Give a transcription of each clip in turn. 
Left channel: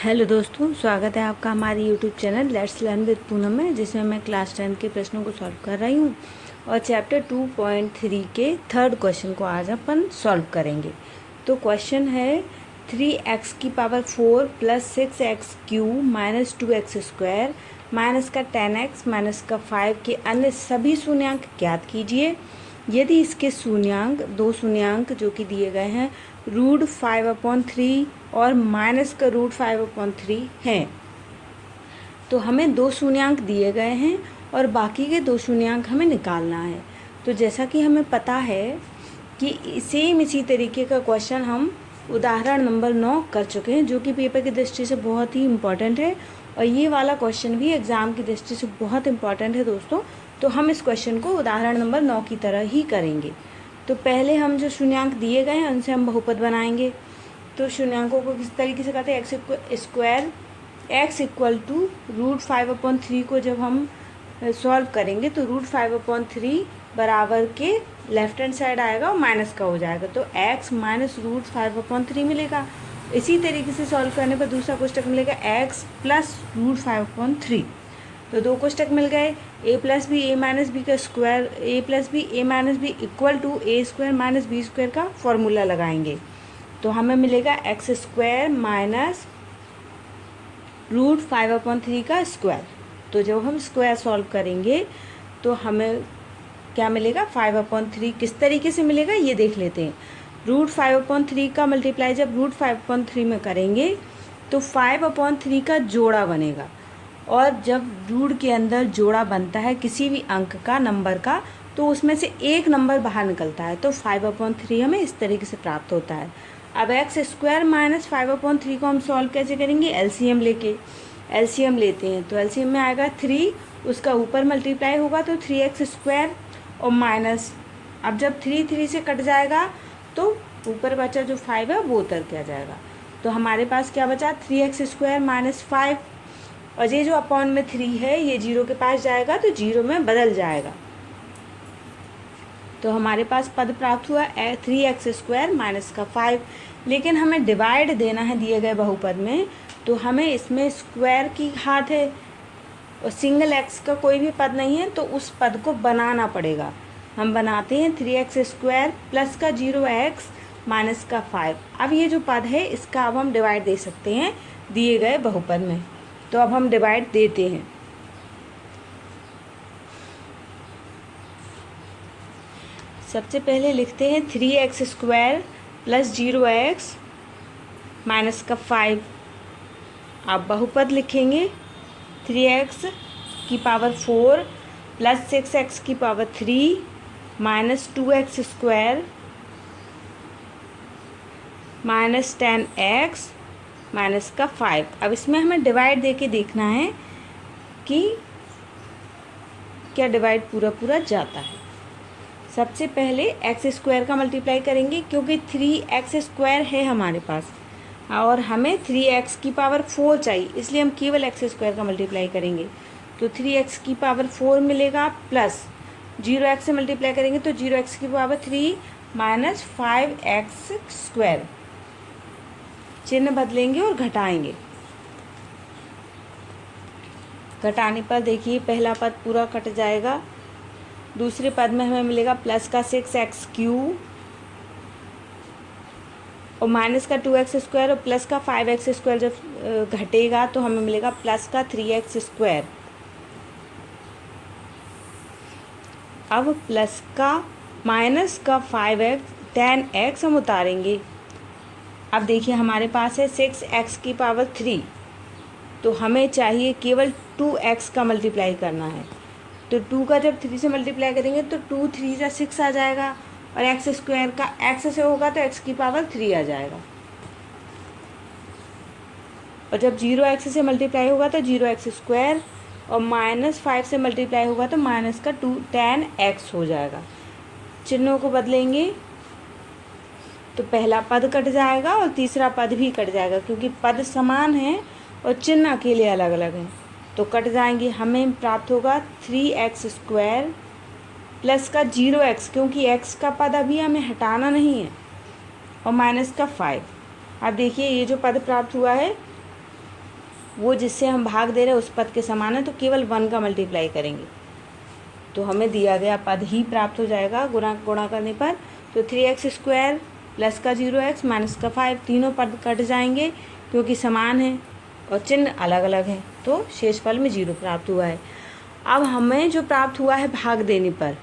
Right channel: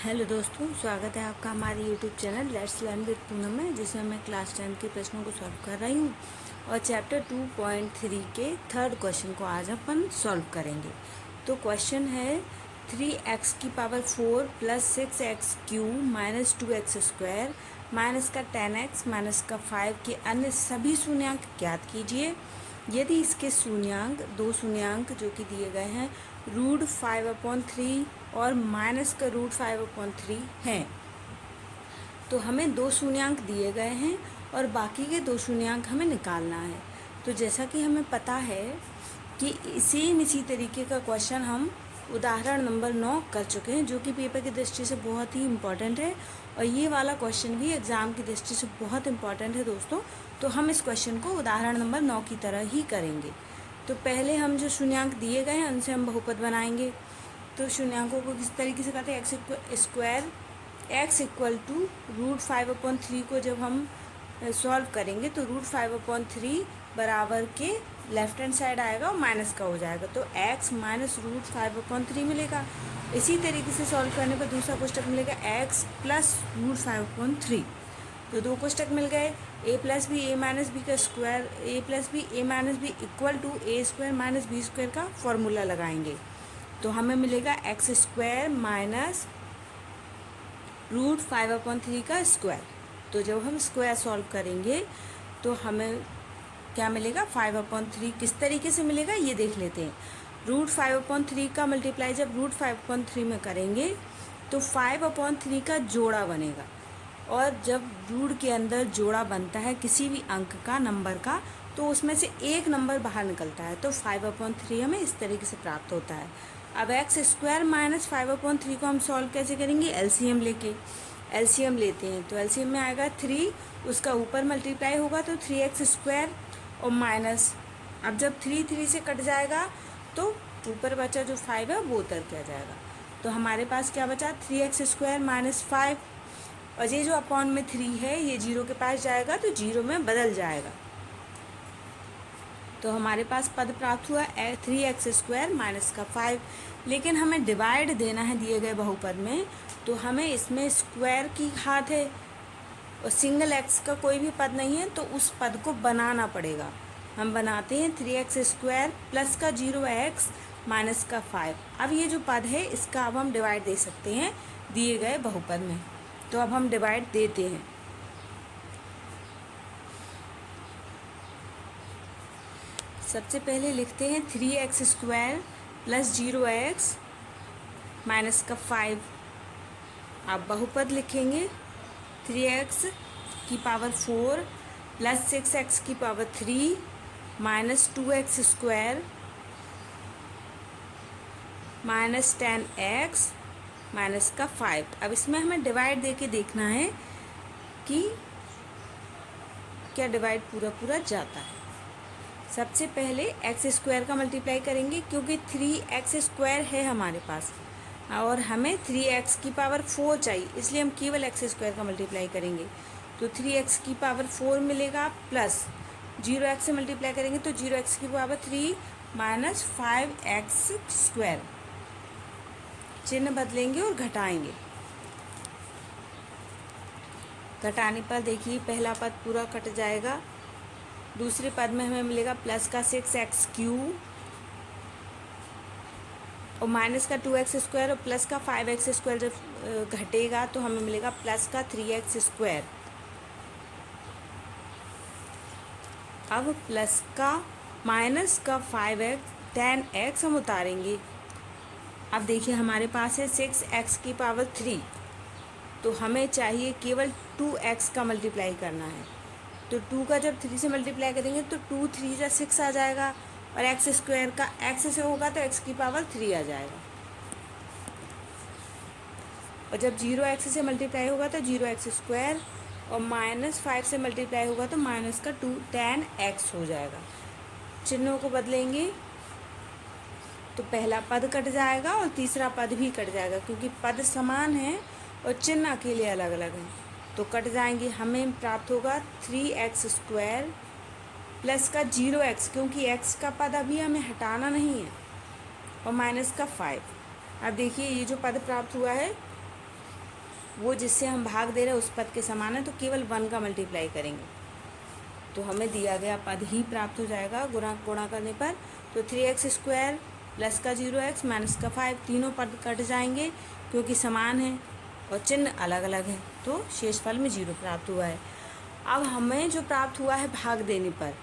Hello दोस्तों, स्वागत है आपका हमारे YouTube channel let's learn with Poonam में, जिसमें मैं क्लास 10 के प्रश्नों को सॉल्व कर रही हूँ और चैप्टर 2.3 के थर्ड क्वेश्चन को आज अपन सॉल्व करेंगे। तो क्वेश्चन है 3x की power 4 plus 6x cube minus 2x square minus का 10x माइनस का 5 के अन्य सभी शून्यांक ज्ञात कीजिए। यदि इसके शून्यांक दो शून्यांक जो कि दिए गए हैं √5/3 और माइनस का √5/3 हैं, तो हमें दो शून्यांक दिए गए हैं और बाकी के दो शून्यांक हमें निकालना है। तो जैसा कि हमें पता है कि सेम इसी तरीके का क्वेश्चन हम उदाहरण नंबर 9 कर चुके हैं, जो कि पेपर की दृष्टि से बहुत ही इम्पॉर्टेंट है और ये वाला क्वेश्चन भी एग्ज़ाम की दृष्टि से बहुत इम्पॉर्टेंट है दोस्तों। तो हम इस क्वेश्चन को उदाहरण नंबर 9 की तरह ही करेंगे। तो पहले हम जो शून्यांक दिए गए हैं उनसे हम बहुपद बनाएंगे। तो शून्यांकों को किस तरीके से करते हैं, x इक्वल टू √5/3 को जब हम सॉल्व करेंगे तो √5/3 बराबर के लेफ्ट हैंड साइड आएगा और माइनस का हो जाएगा, तो x माइनस √5/3 मिलेगा। इसी तरीके से सॉल्व करने पर दूसरा कोष्टक मिलेगा x प्लस √5/3। तो दो कोष्टक मिल गए, a plus B A minus B का square, a plus B A minus B equal to A square minus B square का फॉर्मूला लगाएंगे। तो हमें मिलेगा x स्क्वायर माइनस √5/3 का स्क्वायर। तो जब हम स्क्वायर सॉल्व करेंगे तो हमें क्या मिलेगा, 5/3। किस तरीके से मिलेगा ये देख लेते हैं। √5/3 का मल्टीप्लाई जब √5/3 में करेंगे तो 5/3 का जोड़ा बनेगा, और जब रूट के अंदर जोड़ा बनता है किसी भी अंक का, नंबर का, तो उसमें से एक नंबर बाहर निकलता है, तो 5/3 हमें इस तरीके से प्राप्त होता है। अब x स्क्वायर माइनस 5/3 को हम सॉल्व कैसे करेंगे, एलसीएम लेके। एलसीएम लेते हैं तो एलसीएम में आएगा 3, उसका ऊपर मल्टीप्लाई होगा तो 3x स्क्वायर और माइनस, अब जब 3 से कट जाएगा तो ऊपर बचा जो 5 है वो उतर के आ जाएगा। तो हमारे पास क्या बचा, 3x स्क्वायर माइनस 5, और ये जो अपॉन में 3 है ये 0 के पास जाएगा तो 0 में बदल जाएगा। तो हमारे पास पद प्राप्त हुआ 3x स्क्वायर माइनस का 5। लेकिन हमें डिवाइड देना है दिए गए बहुपद में, तो हमें इसमें स्क्वायर की घात है और सिंगल x का कोई भी पद नहीं है, तो उस पद को बनाना पड़ेगा। हम बनाते हैं 3x स्क्वायर प्लस का 0x माइनस का 5। अब ये जो पद है इसका अब हम डिवाइड दे सकते हैं दिए गए बहुपद में। तो अब हम डिवाइड देते हैं। सबसे पहले लिखते हैं 3x square plus 0x minus का 5। अब बहुपद लिखेंगे 3x की पावर 4 प्लस 6x की power 3 minus 2x square minus 10x minus का 5। अब इसमें हमें डिवाइड देके देखना है कि क्या डिवाइड पूरा जाता है। सबसे पहले एक्स स्क्वायर का मल्टीप्लाई करेंगे, क्योंकि 3x स्क्वायर है हमारे पास और हमें 3x की पावर 4 चाहिए, इसलिए हम केवल एक्स स्क्वायर का मल्टीप्लाई करेंगे। तो 3x की पावर 4 मिलेगा प्लस 0x से मल्टीप्लाई करेंगे तो 0x की पावर 3 माइनस 5x स्क्वायर। चिन्ह बदलेंगे और घटाएंगे। घटाने पर देखिए पहला पद पूरा कट जाएगा, दूसरे पद में हमें मिलेगा प्लस का 6x क्यूब और माइनस का 2x स्क्वायर और प्लस का 5x स्क्वायर जब घटेगा तो हमें मिलेगा प्लस का 3x स्क्वायर। अब प्लस का माइनस का 5x 10x हम उतारेंगे। अब देखिए हमारे पास है 6x की पावर 3, तो हमें चाहिए केवल 2x का मल्टीप्लाई करना है। तो 2 का जब 3 से मल्टीप्लाई करेंगे तो 2 3 का 6 आ जाएगा, और एक्स स्क्वायर का x से होगा तो x की पावर 3 आ जाएगा, और जब 0x से मल्टीप्लाई होगा तो 0x स्क्वायर और माइनस 5 से मल्टीप्लाई होगा तो माइनस का 10x हो जाएगा। चिन्हों को बदलेंगे तो पहला पद कट जाएगा और तीसरा पद भी कट जाएगा, क्योंकि पद समान हैं और चिन्ह अकेले अलग अलग हैं, तो कट जाएंगे। हमें प्राप्त होगा 3x स्क्वायर प्लस का 0x, क्योंकि x का पद अभी हमें हटाना नहीं है, और माइनस का 5। अब देखिए ये जो पद प्राप्त हुआ है वो जिससे हम भाग दे रहे हैं उस पद के समान है, तो केवल 1 का मल्टीप्लाई करेंगे तो हमें दिया गया पद ही प्राप्त हो जाएगा गुणा करने पर। तो 3x² प्लस का 0x माइनस का 5, तीनों पद कट जाएंगे क्योंकि समान है और चिन्ह अलग अलग है, तो शेषफल में 0 प्राप्त हुआ है। अब हमें जो प्राप्त हुआ है भाग देने पर,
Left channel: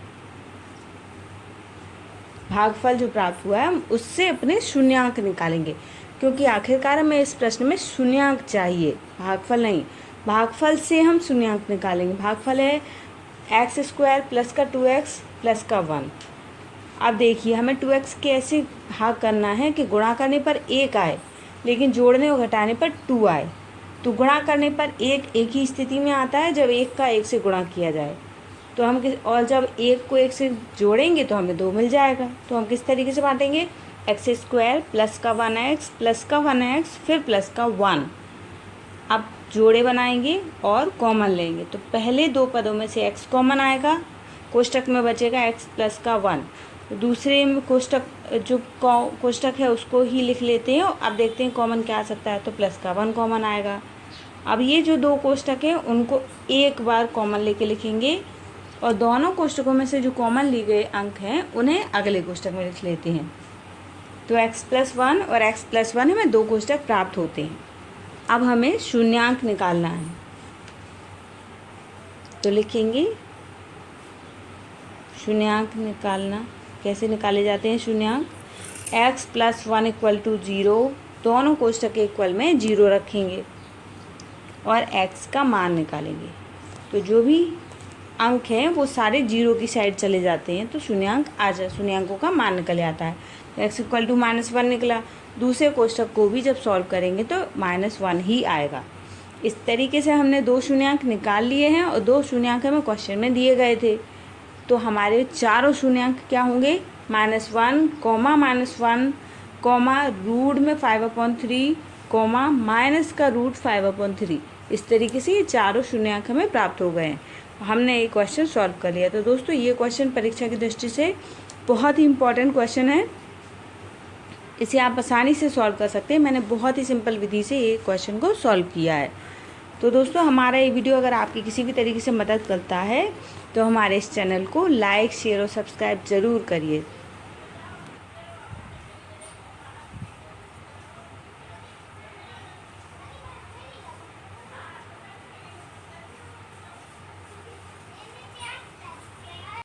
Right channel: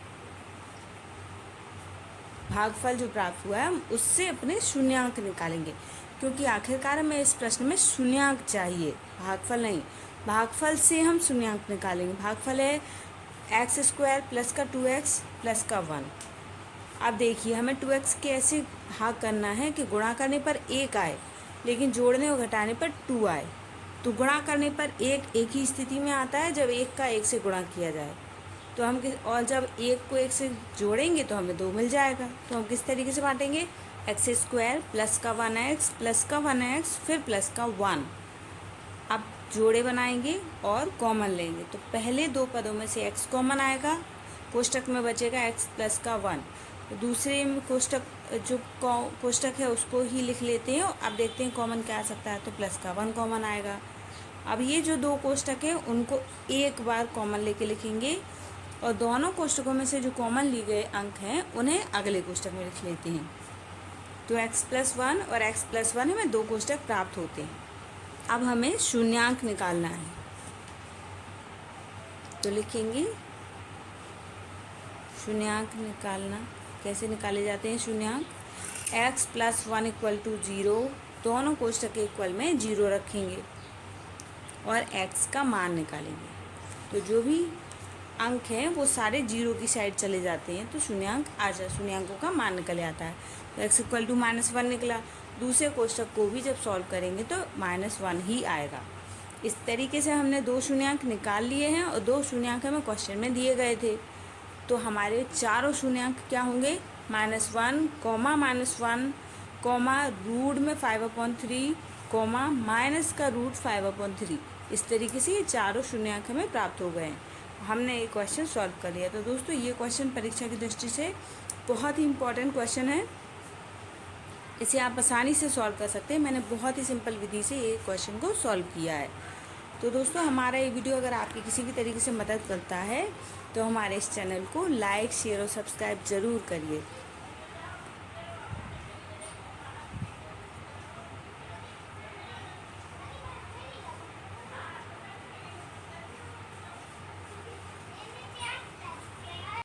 भागफल जो प्राप्त हुआ है उससे अपने शून्यांक निकालेंगे, क्योंकि आखिरकार हमें इस प्रश्न में शून्यांक चाहिए, भागफल नहीं। भागफल से हम शून्यांक निकालेंगे। भागफल है x² प्लस का 2x प्लस का 1। अब देखिए हमें 2x कैसे भाग करना है कि गुणा करने पर 1 आए लेकिन जोड़ने और घटाने पर 2 आए। तो गुणा करने पर एक ही स्थिति में आता है जब 1 का 1 से गुणा किया जाए, तो हम और जब 1 को 1 से जोड़ेंगे तो हमें 2 मिल जाएगा। तो हम किस तरीके से बांटेंगे, x² प्लस का 1x प्लस का 1x फिर प्लस का 1। अब जोड़े बनाएंगे और कॉमन लेंगे, तो पहले दो पदों में से x कॉमन आएगा, कोष्टक में बचेगा x प्लस का 1। दूसरे में कोष्टक जो कोष्टक है उसको ही लिख लेते हैं। अब देखते हैं कॉमन क्या आ सकता है, तो प्लस का 1 कॉमन आएगा। अब ये जो दो कोष्टक है उनको एक बार कॉमन लेके लिखेंगे और दोनों कोष्टकों में से जो कॉमन लिए गए अंक हैं उन्हें अगले कोष्टक में लिख लेते हैं। तो x प्लस 1 और x प्लस 1 हमें दो कोष्टक प्राप्त होते हैं। अब हमें शून्यांक निकालना है, तो लिखेंगे शून्यांक निकालना। कैसे निकाले जाते हैं शून्यांक, x प्लस 1 इक्वल टू 0, दोनों कोष्टक के इक्वल में 0 रखेंगे और x का मान निकालेंगे। तो जो भी अंक हैं वो सारे 0 की साइड चले जाते हैं, तो शून्यांकों का मान निकल आता है। तो x इक्वल टू -1 निकला। दूसरे कोष्टक को भी जब सॉल्व करेंगे तो -1 ही आएगा। इस तरीके से हमने दो शून्यांक निकाल लिए हैं और दो शून्यांक हमें क्वेश्चन में दिए गए थे। तो हमारे चारों शून्यांक क्या होंगे, -1, -1, रूट में 5/3, माइनस का रूट 5/3। इस तरीके से ये चारों शून्यांक हमें प्राप्त हो गए हैं। हमने ये क्वेश्चन सॉल्व कर लिया। तो दोस्तों ये क्वेश्चन परीक्षा की दृष्टि से बहुत ही इम्पोर्टेंट क्वेश्चन है, इसे आप आसानी से सॉल्व कर सकते हैं। मैंने बहुत ही सिंपल विधि से ये क्वेश्चन को सॉल्व किया है। तो दोस्तों हमारा ये वीडियो अगर आपकी किसी भी तरीके से मदद करता है तो हमारे इस चैनल को लाइक, शेयर और सब्सक्राइब ज़रूर करिए।